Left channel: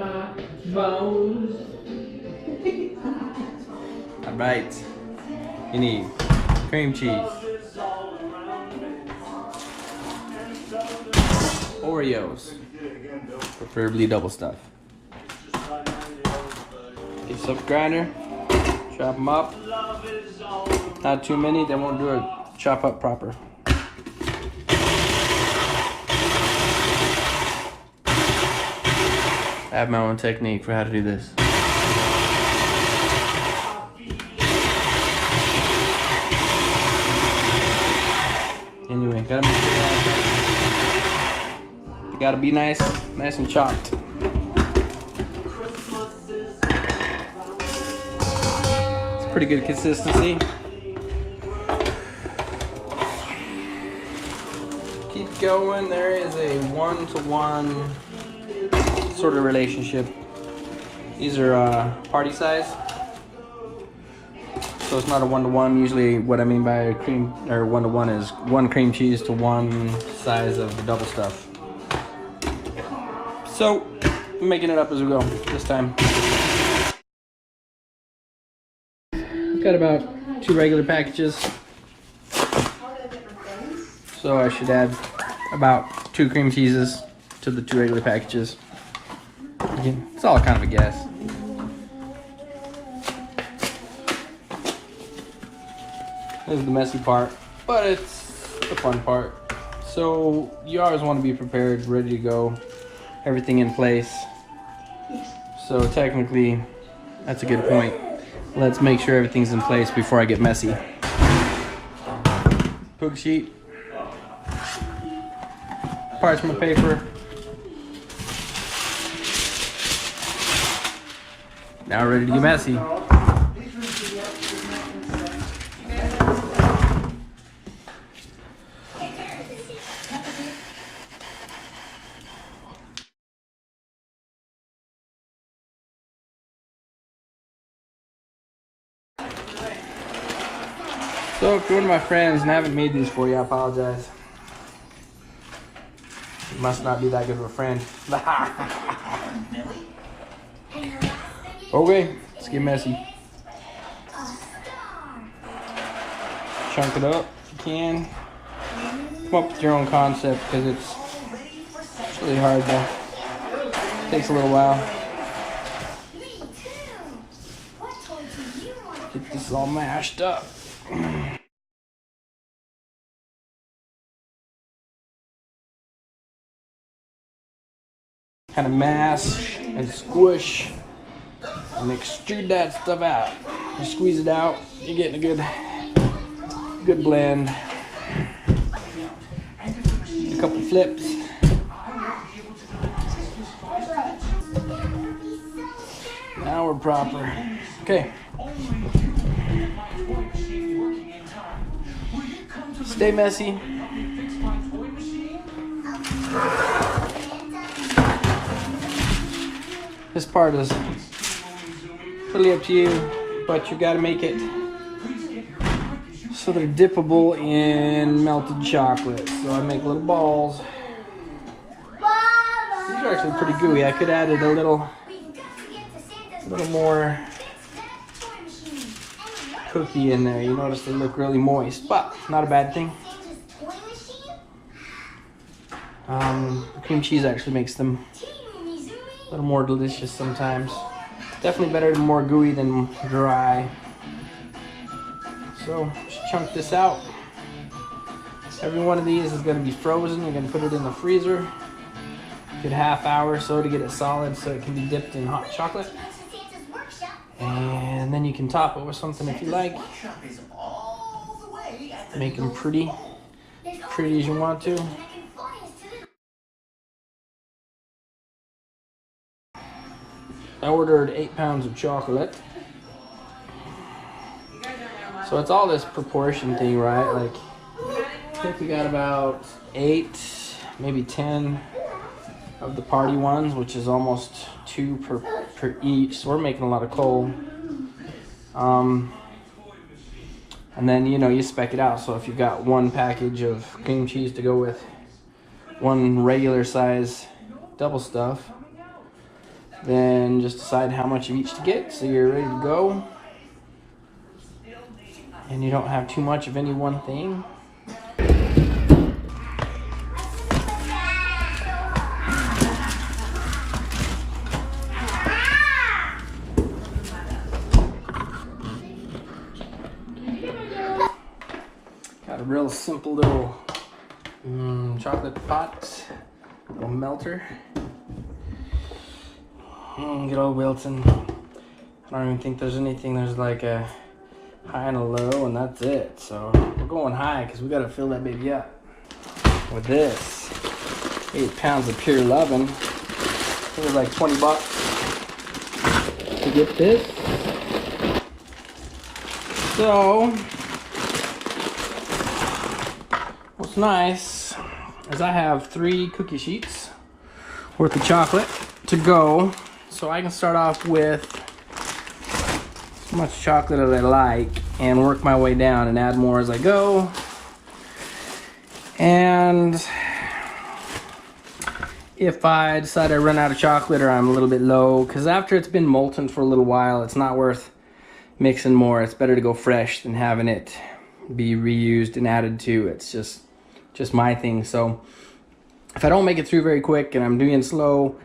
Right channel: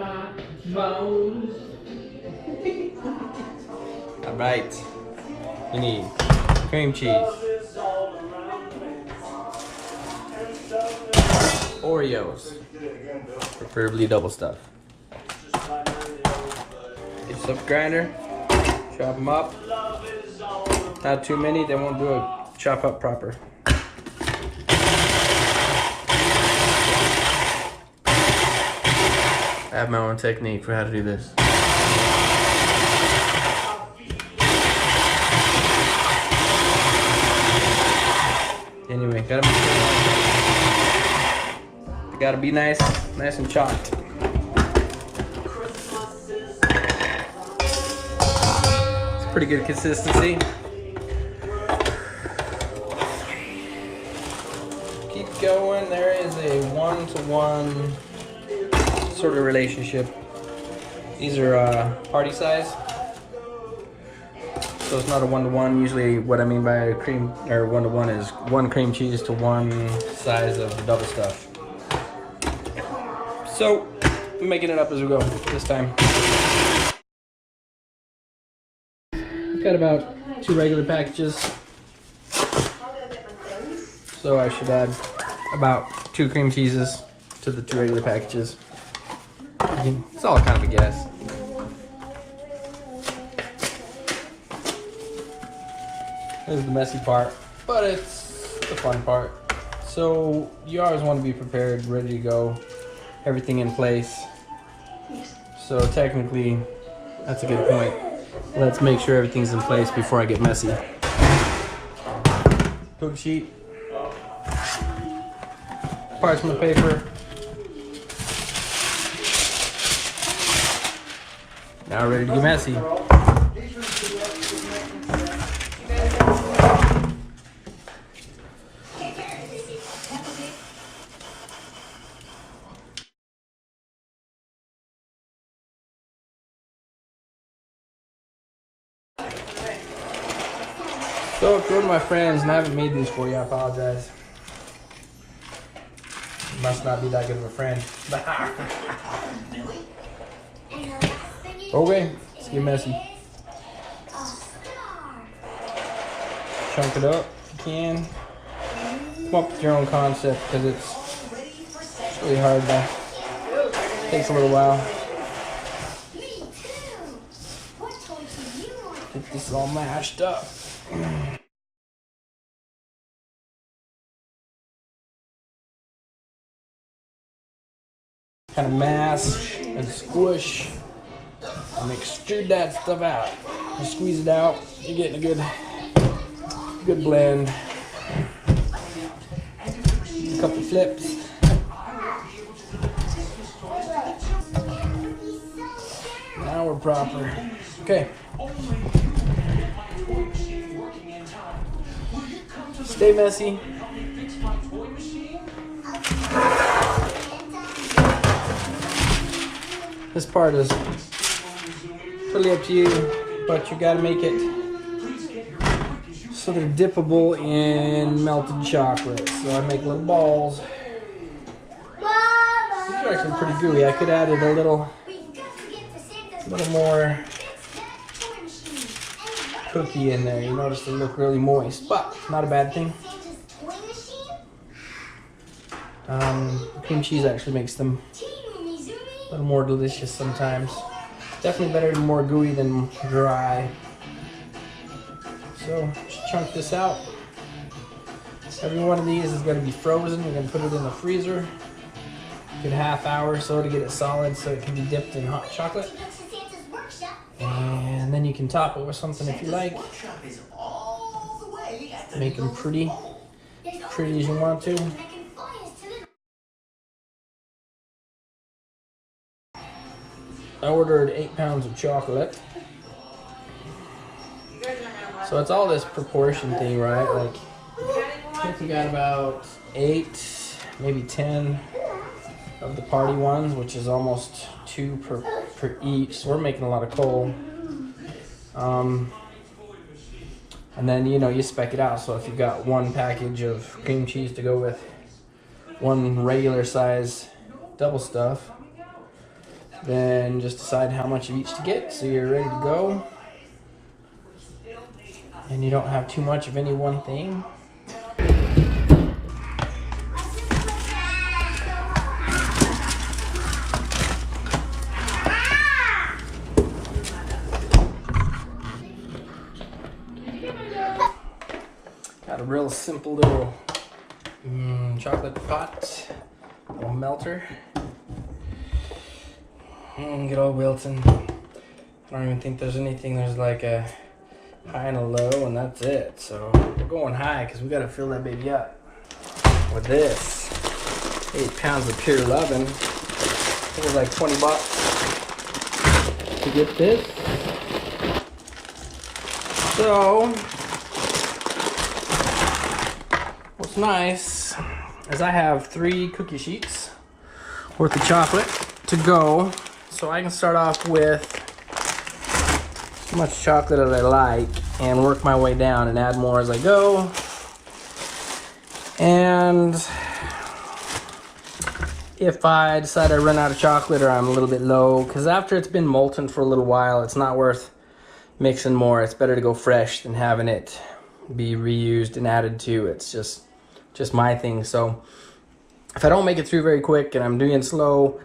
my bones. All right. You need cream cheese, Oreos, preferably double stuff. Get yourself a grinder, chop them up. Not too many, they won't do a chop up proper. I have my own technique for how to do this. Anyway, gotta be nice and chopped. It's pretty good consistency. Keep going. There is a 1-to-1 sort of relationship. These are party size. So it's not a 1-to-1. Usually what I mean by a cream or 1-to-1 is 1 cream cheese to 1 size of the double stuff. So I'm making it up as we go this time. I've got about 2 regular packages. So I should add about 2 cream cheeses to the 2 regular packages. It's all kind of a guess. This is the messy part, but it's the fun part. So you always want to be prepared, ready to go, everything in place. So technically, that's a good point. Let's make sure everything's in place before I get messy. Cookie sheet, parchment paper. Now ready to get messy. So if you're one of my friends and I haven't made these for you, I apologize. You must not be that good of a friend. Okay, let's get messy. Chunk it up if you can. Come up with your own concept because it's really hard. It takes a little while. Get this all mashed up. Kind of mash and squish and extrude that stuff out. And squeeze it out. You're getting a good blend. A couple flips. Now we're proper. Okay. Stay messy. This part is totally up to you, but you gotta make it so they're dippable in melted chocolate. So I make little balls. These are actually pretty gooey. I could add it a little more cookie in there. You notice they look really moist, but not a bad thing. The cream cheese actually makes them a little more delicious sometimes. Definitely better and more gooey than dry. So just chunk this out. Every one of these is going to be frozen. We're going to put it in the freezer. Good half hour or so to get it solid so it can be dipped in hot chocolate. And then you can top it with something if you like. Make them pretty as you want to. I ordered 8 pounds of chocolate. So it's all this proportion thing, right? Like, I think we got about 8, maybe 10 of the party ones, which is almost 2 per each. So we're making a lot of coal. And then, you know, you spec it out. So if you've got 1 package of cream cheese to go with 1 regular size double stuff, Then just decide how much of each to get so you're ready to go. And you don't have too much of any one thing. Got a real simple little chocolate pot, little melter. Good old Wilton. I don't even think there's anything. There's like a high and a low, and that's it. So we're going high because we got to fill that baby up with this 8 pounds of pure lovin'. I think it was like 20 bucks to get this. So what's nice is I have 3 cookie sheets worth of chocolate to go. So I can start off with as much chocolate as I like and work my way down and add more as I go. And if I decide I run out of chocolate or I'm a little bit low, because after it's been molten for a little while, it's not worth mixing more. It's better to go fresh than having it be reused and added to. It's just my thing. So if I don't make it through very quick and I'm doing slow,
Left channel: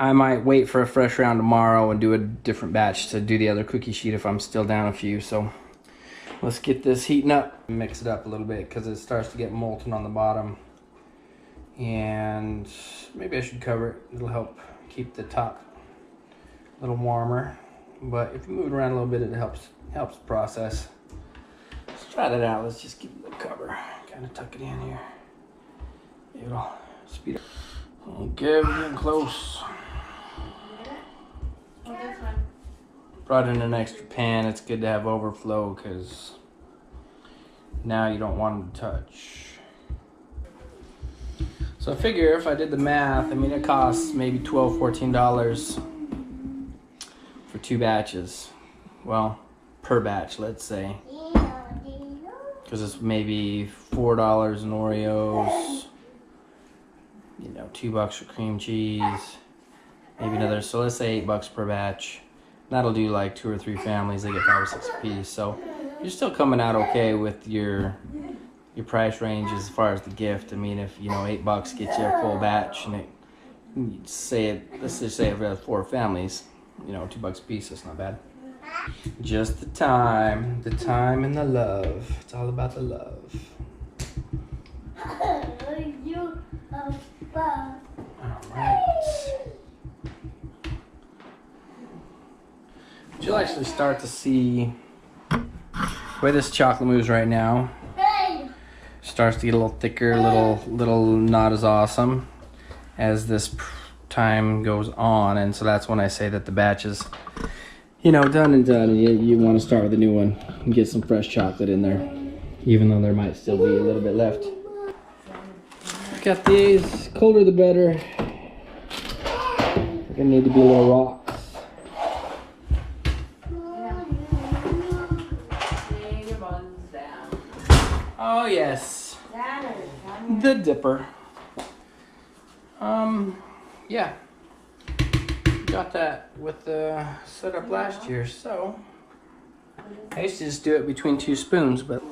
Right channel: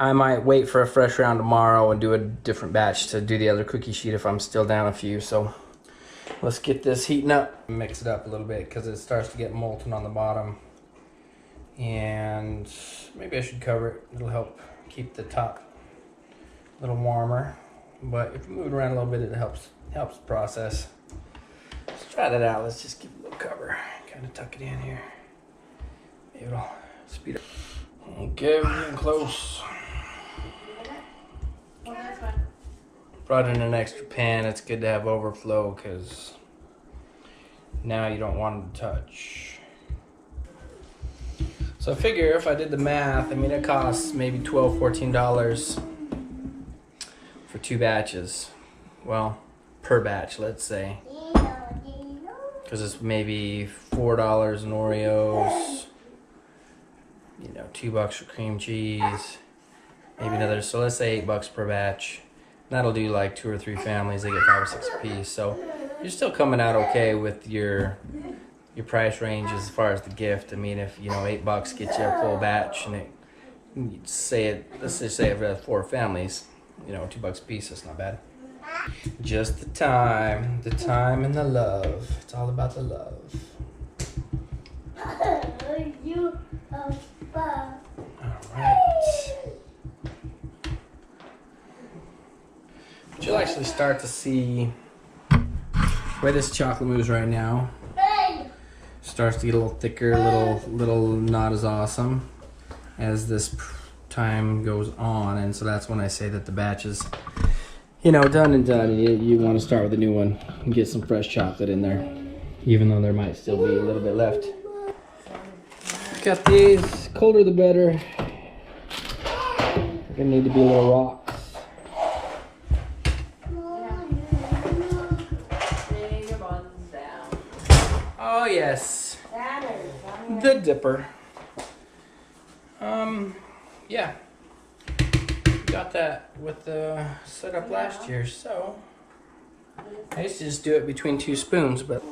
I might wait for a fresh round tomorrow and do a different batch to do the other cookie sheet if I'm still down a few. So let's get this heating up. Mix it up a little bit because it starts to get molten on the bottom. And maybe I should cover it. It'll help keep the top a little warmer. But if you move it around a little bit, it helps the process. Let's try that out. Let's just give it a little cover. Kind of tuck it in here. Maybe it'll speed up. Okay, we're getting close. Brought in an extra pan. It's good to have overflow because now you don't want them to touch. So I figure if I did the math, I mean it costs maybe $12, $14 for 2 batches. Well, per batch, let's say. Because it's maybe $4 in Oreos, you know, $2 for cream cheese, maybe another, so let's say $8 per batch. That'll do like 2 or 3 families. They get 5 or 6 a piece. So you're still coming out okay with your price range as far as the gift. I mean, if you know $8 gets you a full batch, and let's just say it for 4 families, you know, $2 a piece. That's not bad. Just the time and the love. It's all about the love. All right. But you'll actually start to see the way this chocolate moves right now. Starts to get a little thicker, little not as awesome as this time goes on, and so that's when I say that the batch is, you know, done and done. You want to start with a new one and get some fresh chocolate in there, even though there might still be a little bit left. Got these. Colder the better. They're gonna need to be little rocks. Oh yes, the dipper. Yeah, got that with the setup last year. So I used to just do it between 2 spoons, but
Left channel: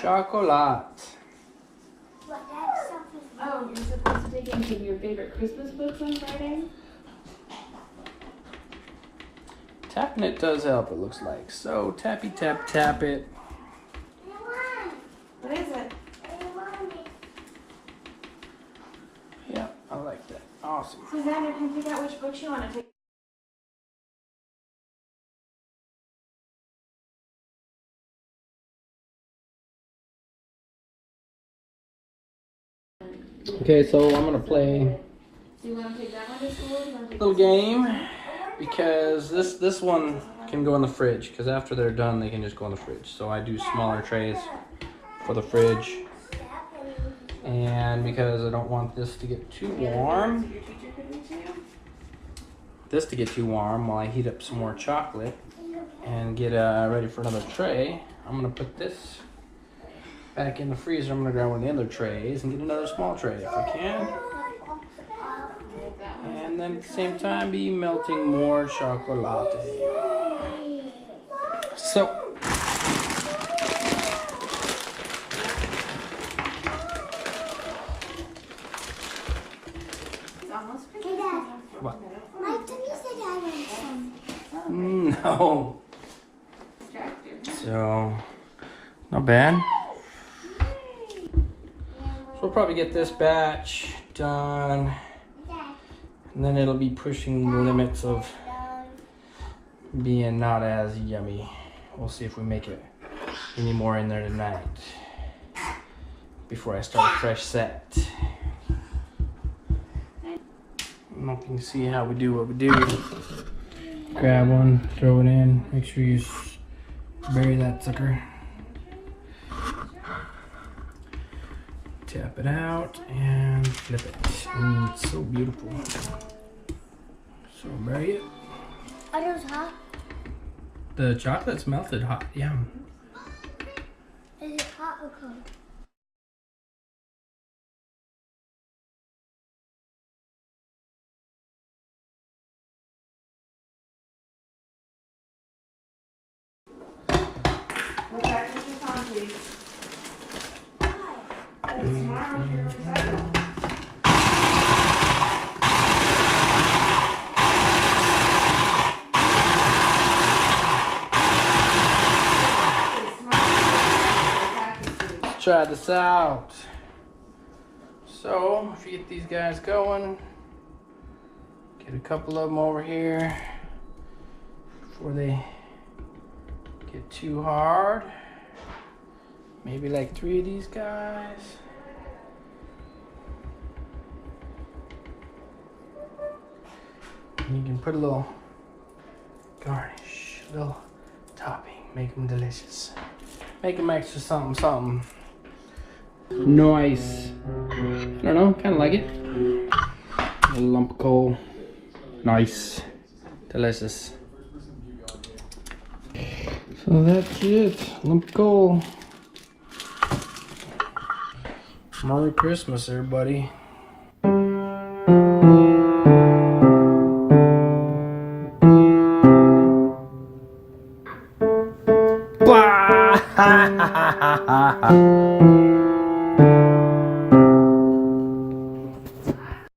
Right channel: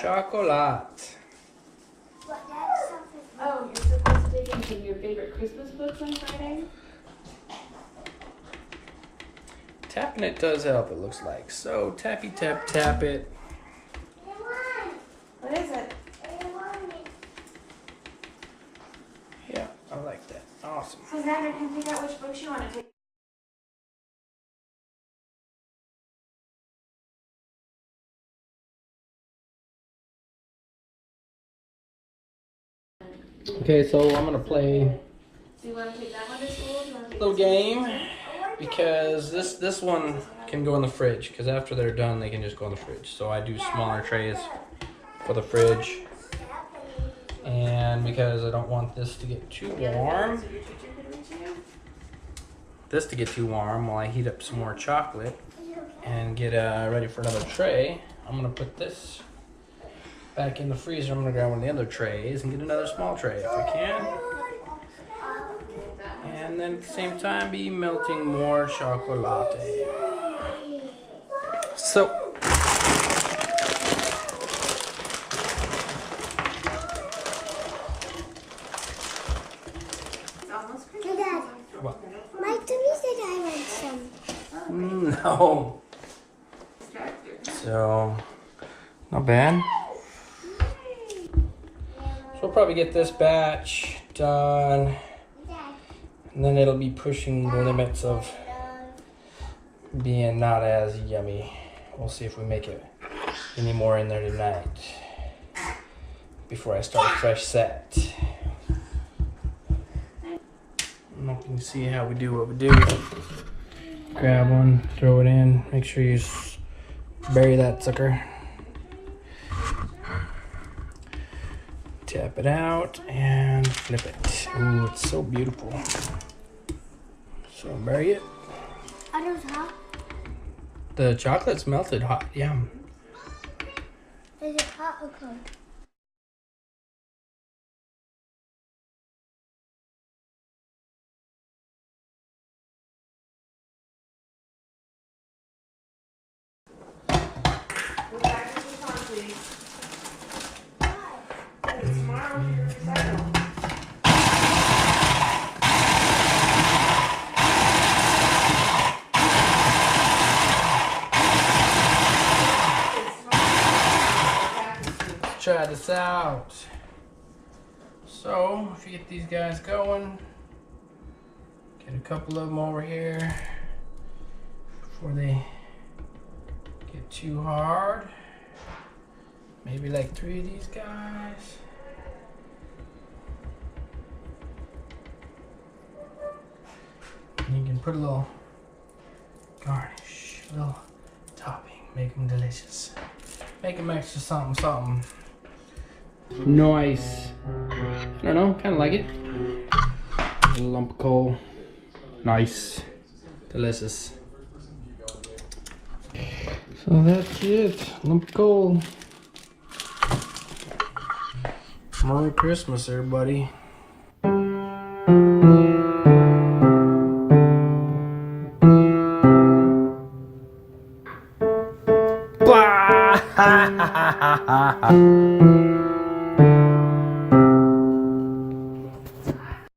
chocolate. Oh, you're supposed to dig into your favorite Christmas books on Friday? Tapping it does help, it looks like. So tappy tap tap it. What is it? Yeah, I like that. Awesome. So Xander can pick out which books you want to take. Okay, so I'm gonna play Do you want to take that one to school? Do you want to take a little game because this one can go in the fridge, because after they're done they can just go in the fridge. So I do smaller trays for the fridge, and because I don't want this to get too warm, while I heat up some more chocolate and get ready for another tray, I'm gonna put this back in the freezer. I'm gonna grab one of the other trays and get another small tray if I can. And and then at the same time be melting more chocolate. So Hey Dad, what? my tummy said I want some. No. So not bad. So we'll probably get this batch done, and then it'll be pushing the limits of being not as yummy. We'll see if we make it any more in there tonight before I start a fresh set. I don't know if you can see how we do what we do. Grab one, throw it in, make sure you bury that sucker. Tap it out and flip it. Ooh, it's so beautiful. So bury it. Are those hot? The chocolate's melted hot, yeah. Is it hot or cold? Try this out. So if you get these guys going, get a couple of them over here before they get too hard. Maybe like 3 of these guys. And you can put a little garnish, a little topping, make them delicious. Make them extra something, something. Nice. I don't know, kind of like it. A little lump of coal. Nice. Delicious. So that's it. Lump of coal. Merry Christmas, everybody. Blah!